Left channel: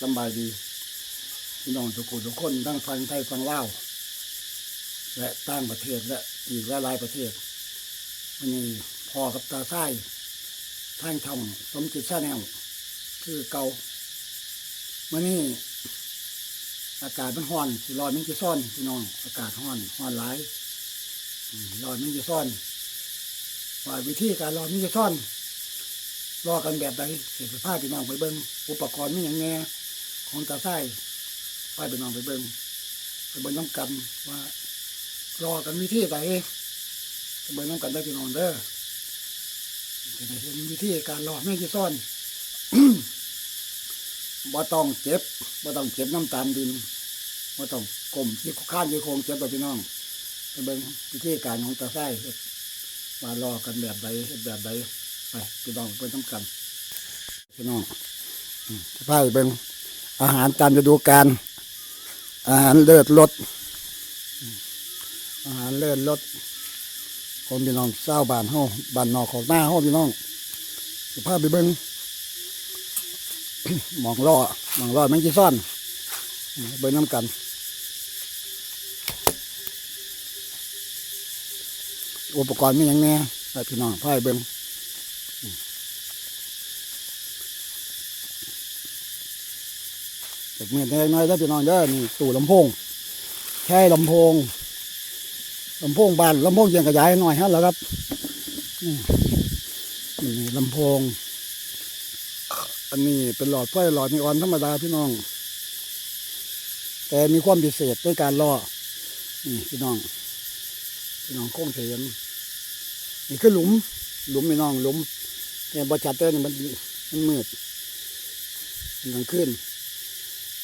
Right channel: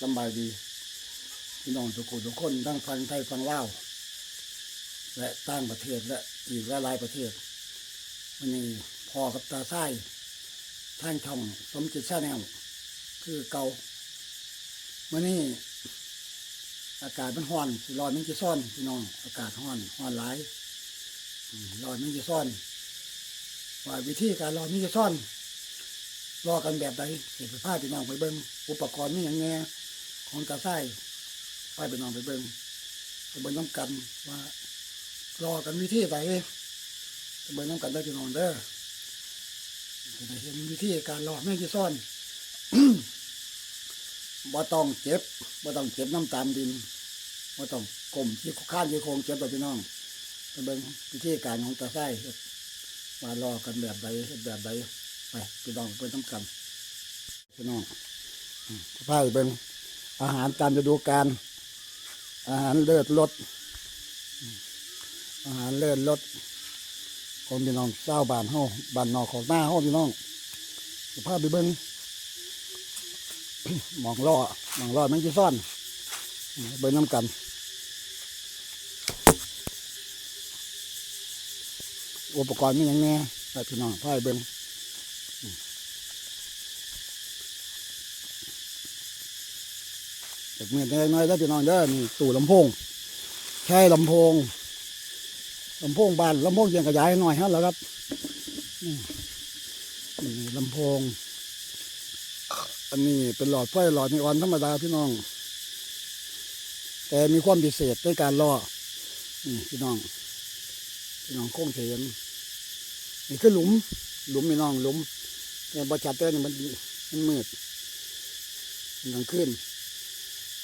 สบายดีพี่น้องทุกคนทุกคนทั้งฟังไทยฟังเล่าและต่างประเทศและอีกหลายประเทศมันนี่พ่อกับตาไส้ทางช่องสมจิตชาแนลคือเกามันนี่อากาศมันร้อนสิร้อนมันจะซ่อนพี่น้อง อากาศร้อนร้อนหลายอืมร้อนมันจะซ่อนว่าวิธีการรอยมันจะซ่อน รอกันแบบใดเห็นสภาพพี่น้องไปเบิ้งอุปกรณ์มีอย่างแน่ของตาไส้ไปพี่น้องไปเบิ้งไปเบิ้งน้ำกันว่ารอกันวิธีใดไปเบิ้งน้ำกันได้พี่น้องเด้อจะได้เห็นวิธีการรอแม่งจะซ่อนบ่ต้องเจ็บบ่ต้องเจ็บน้ำตามดินบ่ต้องกลมที่ข้านที่โคงเจ็บต่อพี่น้องไปเบิ้งวิธีการของตาไส้เฮ็ดว่ารอกันแบบใดแบบใด พี่น้องเพิ่นทำกันพี่น้องอืมพาไปเบิ่งอาหารตามฤดูกาลอาหารเลิศรสอาหารเลิศรสของพี่น้องเจ้าบ้านเฮาบ้านนอกของหน้าเฮาพี่น้องสิพาไปเบิ่งมองล่อมองล่อแมงจีซ่อนอืมเบิ่งน้ำกันอุปกรณ์มีอย่างแน่ไปพี่น้องพาไปเบิ่ง เด็กเมียนน้อยๆแล้พี่น้องเด้อนี่ตู่ลำโพงใช่ลำโพงลำโพงบานลำโพงเสียงขยายหน่อยฮะแล้วครับนี่ลำโพง อันนี้เป็นหลอดไฟหลอดนีออนธรรมดาพี่น้อง แต่มีความพิเศษด้วยการล่อนี่พี่น้องพี่น้องโค้งเสียนนี่คือหลุม หลุมพี่น้องหลุมแต่บอจัดเตอร์นี่มันมันมืดกลางคืน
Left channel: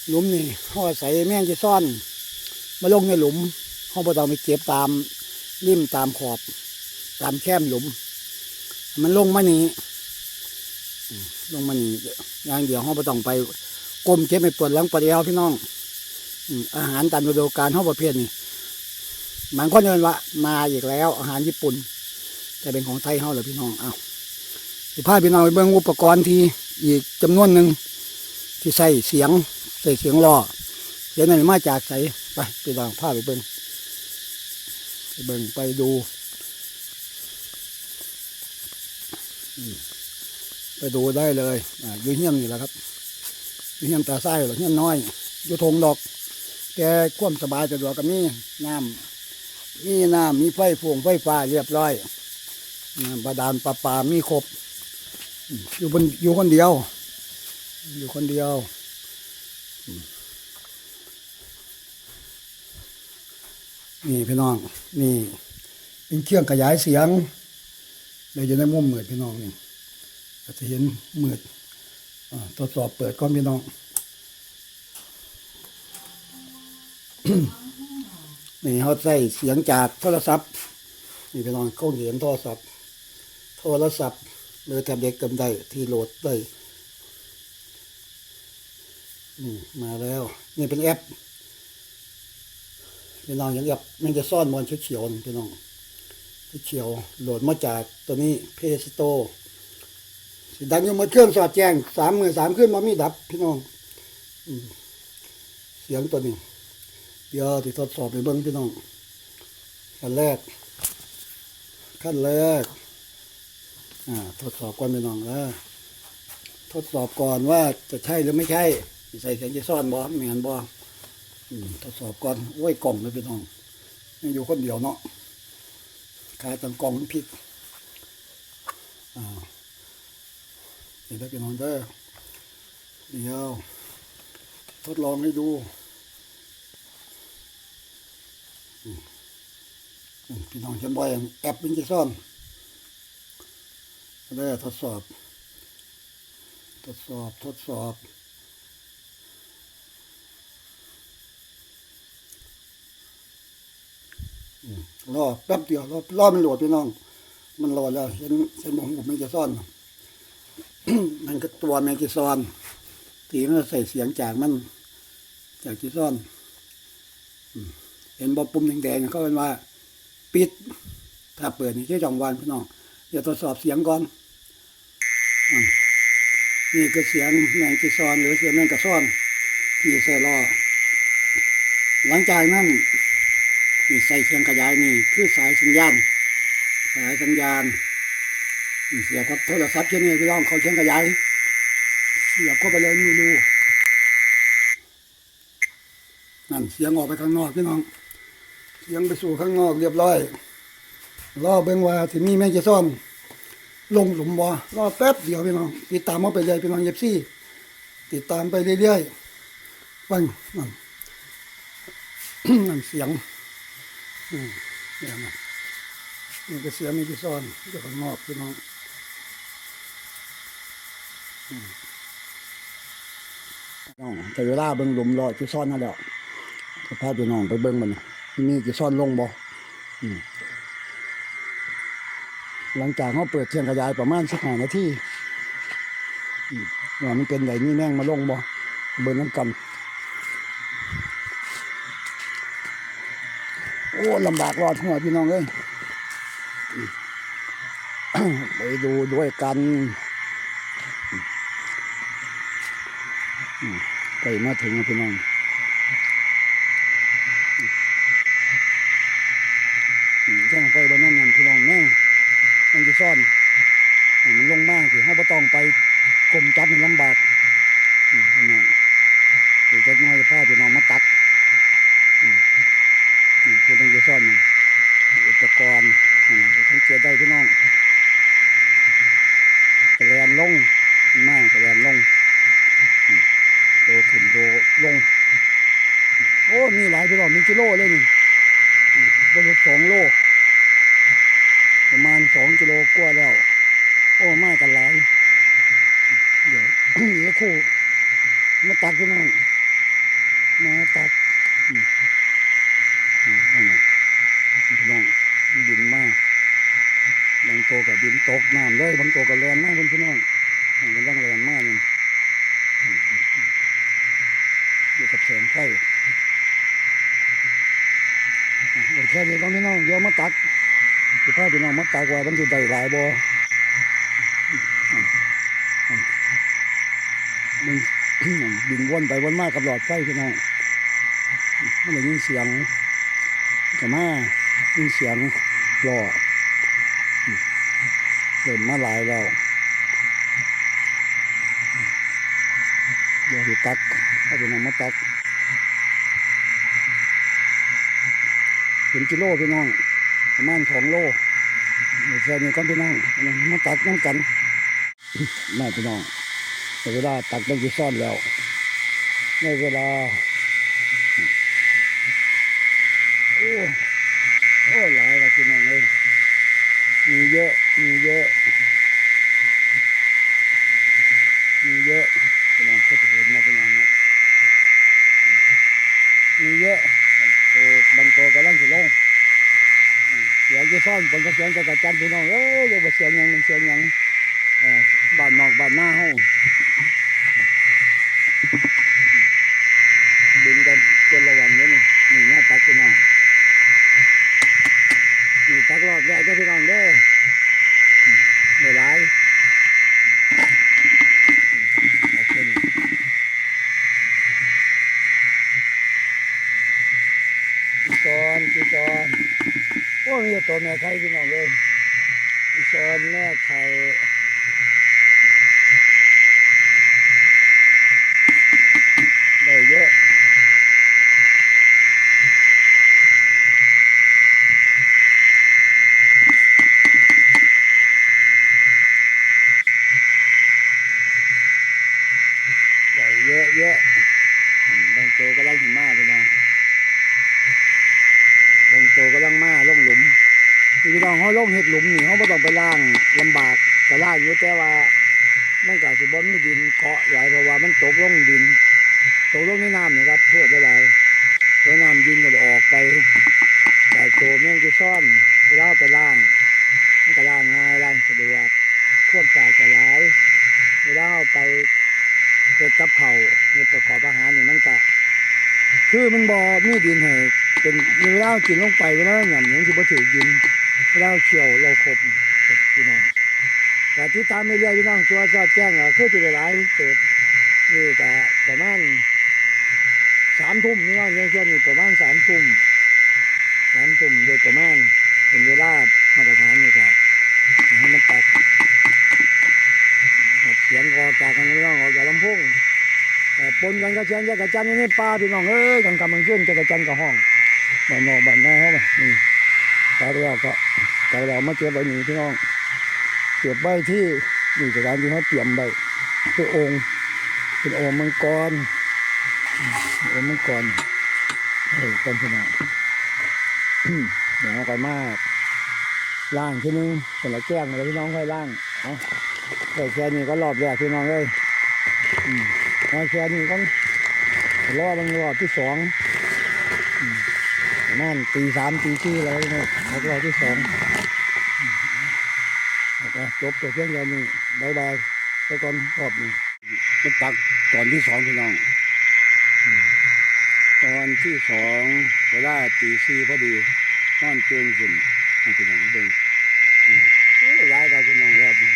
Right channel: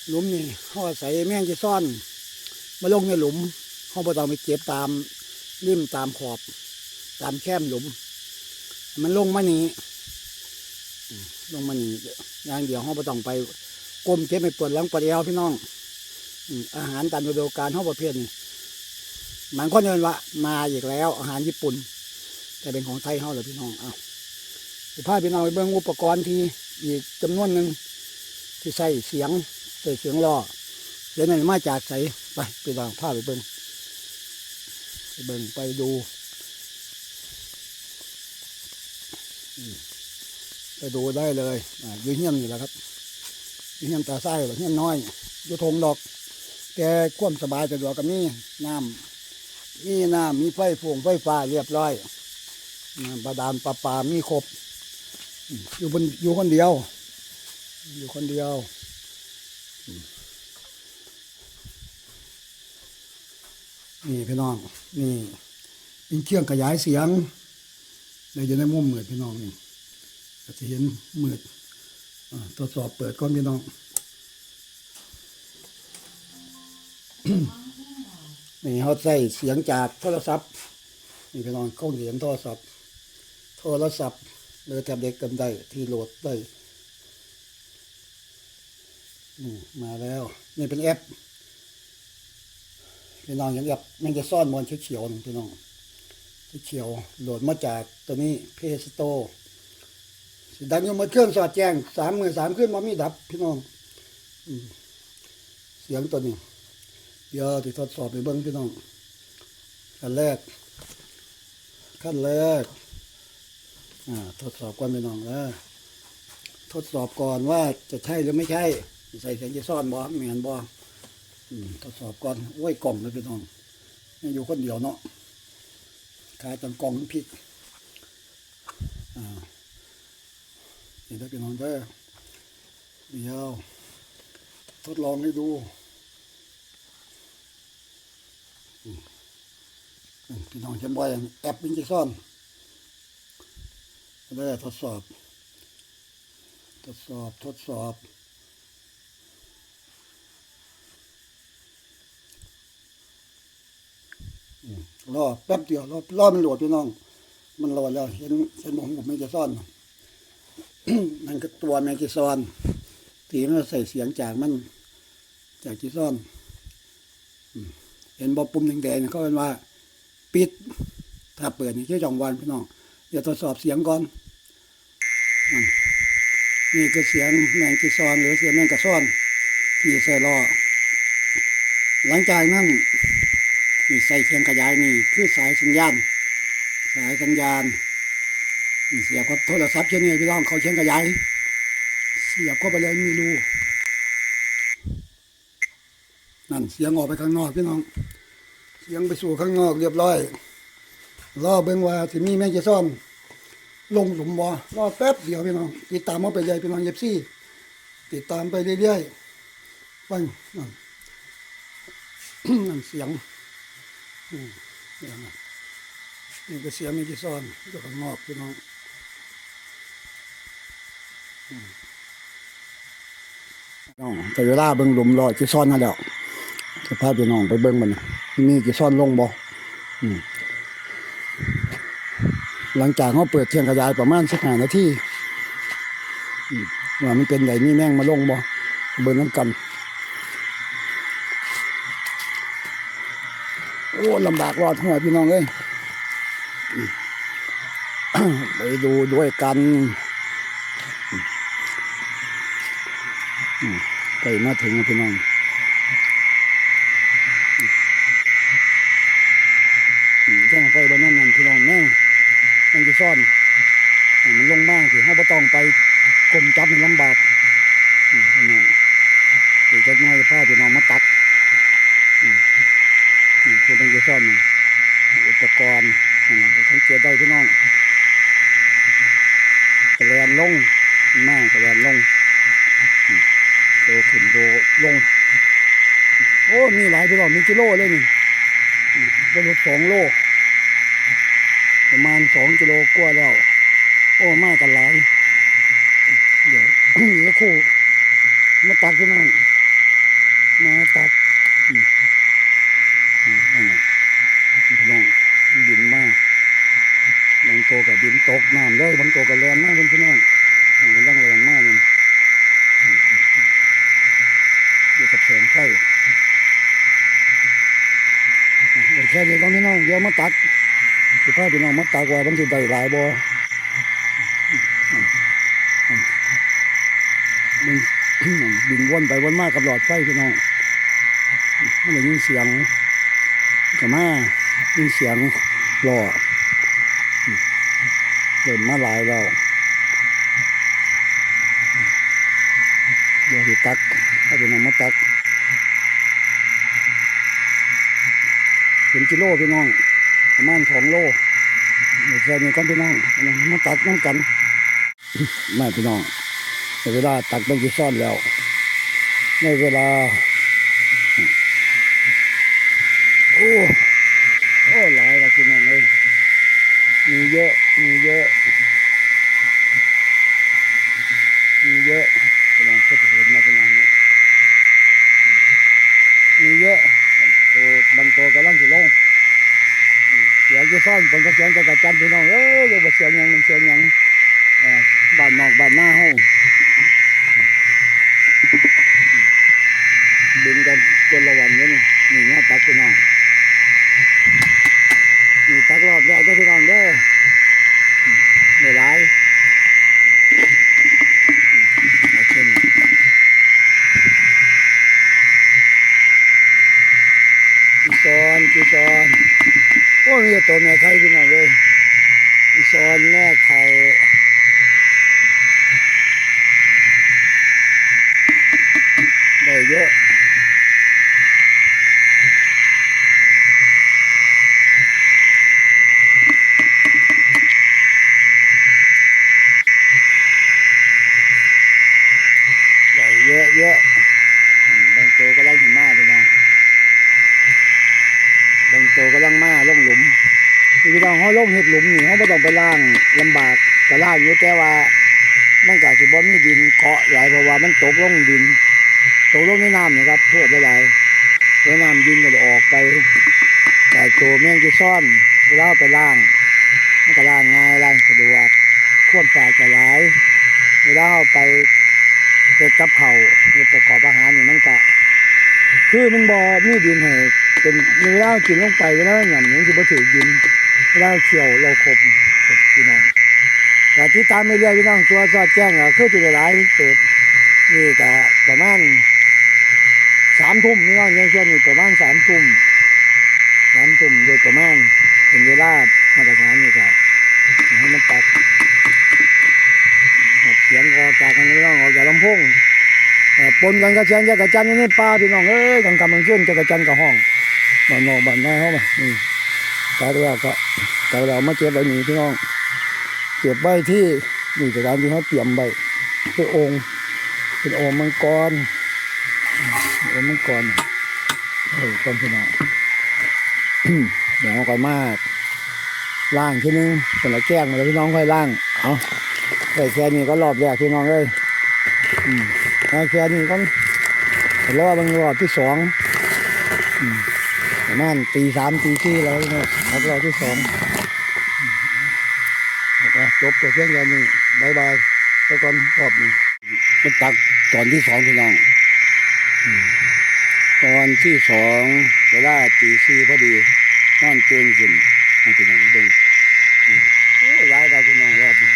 หลุมนี่เขาอาศัยแมงจะซ่อน มาลงในหลุมเขาบ่ต้องไปเก็บตามริมตามขอบ ตามแคมหลุม มันลงมานี่ลงมานี่อย่างเดียวเขาบ่ต้องไปก้มเก็บไปปวดหลังปวดเอวพี่น้องอาหารตามฤดูกาลเขาประเภทนี้มันก็เนินว่ามาอีกแล้ว อาหารญี่ปุ่น แต่เป็นของไทยเขาเหรอพี่น้องเอาสิพาพี่น้องไปเบิ่งอุปกรณ์ที่อีกจำนวนหนึ่งที่ใส่เสียง ใส่เสียงล้อเสียงนั้นมาจากใสไปไปลองพาไปเบิ่งไปเบิ่งไปดูไปดูได้เลยออยู่เฮี้ยนนี่แหละครับอยู่เฮี้ยนตาไส้หรือเฮี้ยนน้อยอยู่ทงดอก แกควมสบายสะดวกกับมีน้ำมีน้ำมีไฟฟงไฟฟ้าเรียบร้อยบาดาลประปามีครบ อยู่บนอยู่คนเดียว อยู่คนเดียว นี่พี่น้อง นี่เป็นเครื่องขยายเสียงเลยจะได้มุมมืดพี่น้องนี่อาจจะเห็นมืดอ่าทดสอบเปิดก่อนพี่น้องนี่เขาใส่เสียงจากโทรศัพท์นี่พี่น้องเขาเห็นโทรศัพท์ โทรศัพท์หรือแท็บเล็ตกันได้ที่โหลดได้ นี่มาแล้ว นี่เป็นแอปพี่น้องอยังแอปมันจะซ่อนมอนเขียวๆพี่น้องเขียวโหลดมาจากตัวนี้เพสโตสดังอยู่หมดเครื่องสอดแจ้งสามมือสามขึ้นมามีดับ พี่น้องอเสียงตัวนี้ เดี๋ยวที่ทดสอบไปเบิ้งพี่น้องขั้นแรก ขั้นแรกอ่าทดสอบก่อนพี่น้องนะทดสอบก่อนว่าจะใช่หรือไม่ใช่ ใส่เสียงจะซ่อนบ่เหมือนบ่ทดสอบก่อนโอ้ยกล่องเลยพี่น้องอยู่คนเดียวเนาะขายตังกล่องผิดอ่าเห็นได้พี่น้องเด้อเดี๋ยวทดลองให้ดูพี่น้องเห็นบ่อยแอปมันจะซ่อนได้ทดสอบ ทดสอบทดสอบ อืม รอแป๊บเดียวรอรอมันโหลดพี่น้อง มันโหลดแล้วเห็นเห็นผมผมไม่จะซ่อน มันก็ตัวแมงจีซอนทีมันใส่เสียงจากมัน จากจีซอนเห็นบอปุ่มแดงๆเขาเป็นว่า ปิด ถ้าเปิดนี่ชื่จองวันพี่น้องเดี๋ยวทดสอบเสียงก่อนอนี่คือเสียงแมงกีซอน หรือเสียงแมงกระซ่อน ที่ใส่ล่อหลังจากนั้น นี่ใส่เสียงขยายนี่คือสายสัญญาณ สายสัญญาณมีเสียบกับโทรศัพท์เช่นนี้พี่น้องเขาเสียงขยาย เสียบเข้าไปเลยมีรูนั่นเสียงออกไปข้างนอกพี่น้อง เสียงไปสู่ข้างนอกเรียบร้อยรอเบิ่งว่าที่มีแมงจะซ่อนลงหลุมบ่รอแป๊บเดียวพี่น้อง ติดตามมาไปเลยพี่น้องเย็บซี่ ติดตามไปเรื่อยๆฟังนั่นนั่นเสียง เสียงนั่นนี่ก็เสียมีกี่ซ่อนอยู่ข้างนอกพี่น้องน้องแต่เวลาเบิ่งหลุมรอกี่ซ่อนนั่นแหล้วจะพาพี่น้องไปเบิ่งมันน่ะมีกี่ซ่อนลงบ่อหลังจากเขาเปิดเทียงขยายประมาณสิบห้านาทีว่ามันเป็นไหนนี่แม่งมาลงบ่เบิ่งน้ำกัน โอ้ ลำบากรอดหัวพี่น้องเอ้ยไปดูด้วยกันอืมใกล้มาถึงพี่น้องแจ้งไฟบนนั้นนั่นพี่น้องแม่งมันจะซ่อนมันลงมากถือเขาบ่ต้องไปกลมจับมันลำบากพี่น้องเดี๋ยวจะน้อยผ้าพี่น้องมาตัด อืมคือมันจะซ่อนอุปกรณ์นะจะสังเกตได้พี่น้องกระแลนลงมันมากกระแลนลงโตขึ้นโตลง โอ้ มีหลายพี่น้องมีกิโลเลยนี่อืมบนรถสองโล ประมาณสองกิโลกว่าแล้ว โอ้มากันหลาย เดี๋ยวเดี๋ยวคู่ มาตักพี่น้อง มาตักอืมอืมนั่นน่ะพี่น้องบินมาบางโตวกับบินตกน้ำเลยบางโตวกับแลนมากพี่น้องมันกำลังแลนมากเลยอืมอืมอืมอยู่กับแสงไฟเดี๋ยวแค่นี้ต้องพี่น้องเดี๋ยวมาตักสิพาพี่น้องมาตากว่ามันสิได้หลายบ่มันบินวนไปวนมากกับหลอดไฟพี่น้องมันได้ยินเสียงก็มายินเสียงหล่อ เริ่มาหลายแล้วเดี๋ยวสิตักพาพี่น้องมาตักเป็นกิโลพี่น้อง ประมาณสองโลเดี๋ยวแค่นี้กันพี่น้องมาตักน้ำกันไม่พี่น้องในเวลาตักต้องที่ซ่อนแล้วในเวลา โอ้โอ้หลายแล้วพี่น้อง มีเยอะ มีเยอะ มีเยอะพี่น้องก็จะเห็นนะพี่น้องนะมีเยอะตัวบางตัวกำลังจะลงเสียงจะซ่อนบนกระเสียงจะกระจันพี่น้องเอ้ยอย่าไปเสียงหยังมันเสียงหยังเอ่อบ้านนอกบ้านหน้าห้องบินกันจนละวันนี้นี่นี่เงี้ยตักพี่น้อง นี่ตักรอบแรกได้พี่น้องเด้อไม่ร้ายมาขึ้นกีซอนกีซอนโอ้มีตัวแม่ไข่พี่น้องเลยอีซอนแม่ไข่ได้เยอะได้เยอะเยอะบางตัวก็ไล่หิมะพี่น้องบางตัวก็ลังมาล่องหลุมพี่น้องเขาลงเห็ดหลุมนี่เขาไม่ต้องไปล่างลำบากก็ล่างอยู่แต่ว่ามันก็สิบ่มีดินเกาะหลายเพราะว่ามันตกลงดินตกลงในน้ำนี่ครับโทษหลายๆแล้วน้ำดินก็จะออกไปแต่ตัวแม่งจะซ่อนเลาเอาไปล่างมันก็ล่างง่ายล่างสะดวกควบสาดก็หลายเวลาเอาไป ฮ็ดกับเขาวเฮ็ดประกอบอาหารนี่มันก็คือมันบ่มีดินให้เป็นเวลาเรากินลงไปเวลาเราหย่ำมันสิบ่ถือดินเวลาเราเคี่ยวเราครบพี่น้องแต่ที่ตามไม่เรื่อยพี่น้องตัวสอดแจ้งก็คือจะได้หลายเติบนี่ก็ประมาณสามทุ่มพี่น้องยังช่วงนี้ประมาณสามทุ่มสามทุ่มโดยประมาณเป็นเวลามาตรฐานนี่ก็ให้มันตัด สียงออกจากกันพี่น้องออกจากลำโพงเอ่อปนกันกับเสียงจักระจันนี่ป้าพี่น้องเอ้ยกลางกำมันขึ้นจักระจันทร์กับห้องบ้านนอกบ้านนาเขามานี่ตายแล้วก็ตายแล้วมาเก็บไว้นี่พี่น้องเก็บไว้ที่นี่สถานที่เขาเตรียมไว้เป็นองค์ เป็นองค์มังกรองค์มังกรเออต้นพินาเดี๋ยวเอาก่อนมากล่างทีนึงเป็นละแก้งมาแล้วพี่น้องค่อยล่างเอา ได้แค่นี้ก็รอบแรกพี่น้องเลยอืมเอแค่นี้ก็รอบบางรอบที่สองอืมประมาณตีสามตีสี่แล้วเนี่ยพักรอบที่สองนะครับจบตัวเพียงแค่นี้บายบายไปก่อนรอบนี้มันตักตอนที่สองพี่น้องอตอนที่สองเวลาตีสี่พอดีนอนเตียงขึ้นมันเป็นอย่างนี้เองโอ้ร้ายกับพี่น้องรอบนี้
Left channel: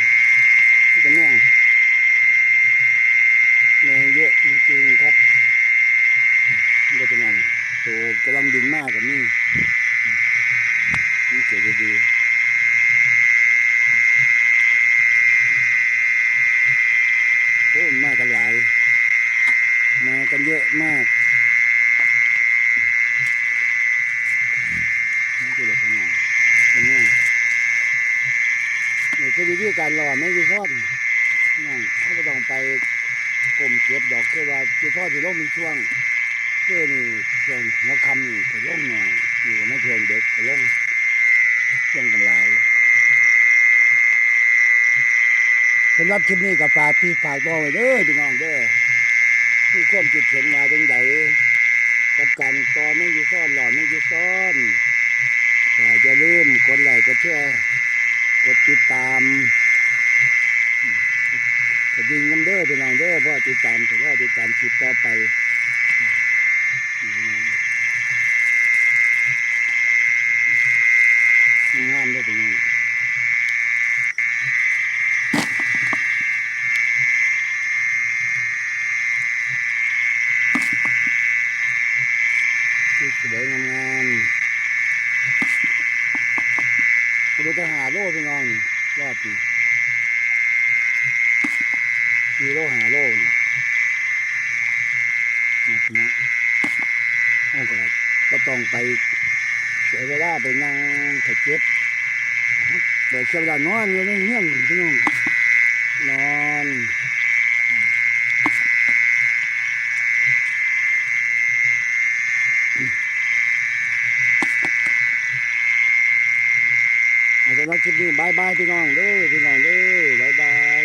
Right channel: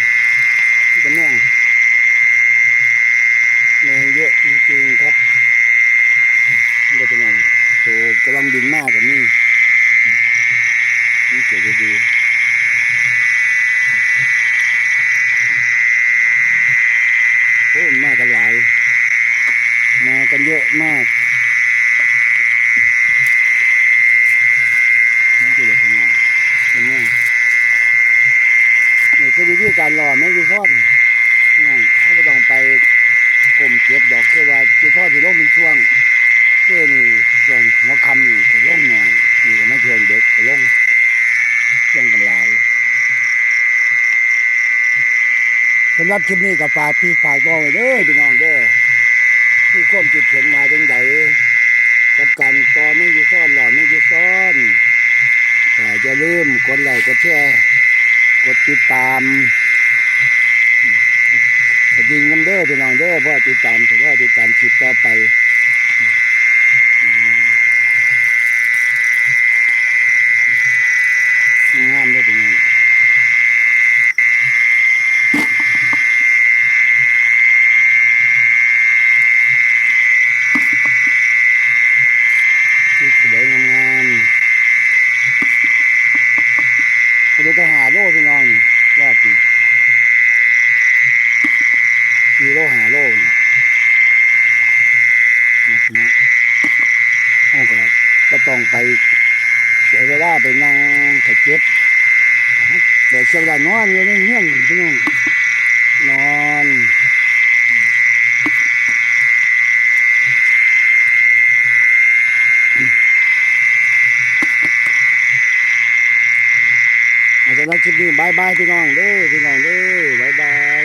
มันจะแมงแมงเยอะจริงๆครับอืมมันจะเป็นอย่างตัวกำลังบินมากกับนี่นี่เกิดดีโอ้มากันหลาย มากันเยอะมากน่าจะเด็กขนเป็นแม่นี่คือวิธีการรอไม่ยีทอด นั่นถ้าไม่ต้องไปกลมเก็บดอกคือว่าจีทอดที่ลงเป็นช่วงเพื่อนี่ช่วงหัวคำนี่จะลงหน่อยนี่ก็ไม่ช่วงเด็กจะลงช่วงกันหลายสำหรับคลิปนี้ก็ฝากพี่ฝากน้องไว้เด้อพี่น้องเด้อที่ความคิดเห็นมาจังใดกับการต่อไม่อยูซ่อนหล่อไม่อยูซ่อนก็อย่าลืมกดไลค์กดแชร์กดติดตาม กดยิงน้ำเด้อพี่น้องเด้อพราะติดตามแต่ว่าติดตามคลิปต่อไปนี่พี่น้องามเด้อพี่น้องที่สวยงามๆไปดูทหารโล่พี่น้องนี่ มีโลหาโลนี่นะพี่น้องเอาก็ก็ต้องไปเสียเวลาไปนั่งถัดเก็บเดี๋ยวเสียเวลานอนอยู่ในเงี้ยนพี่น้องนอนอาจารย์คลิปนี้บายบายพี่น้องเด้อพี่น้องเด้อบายบาย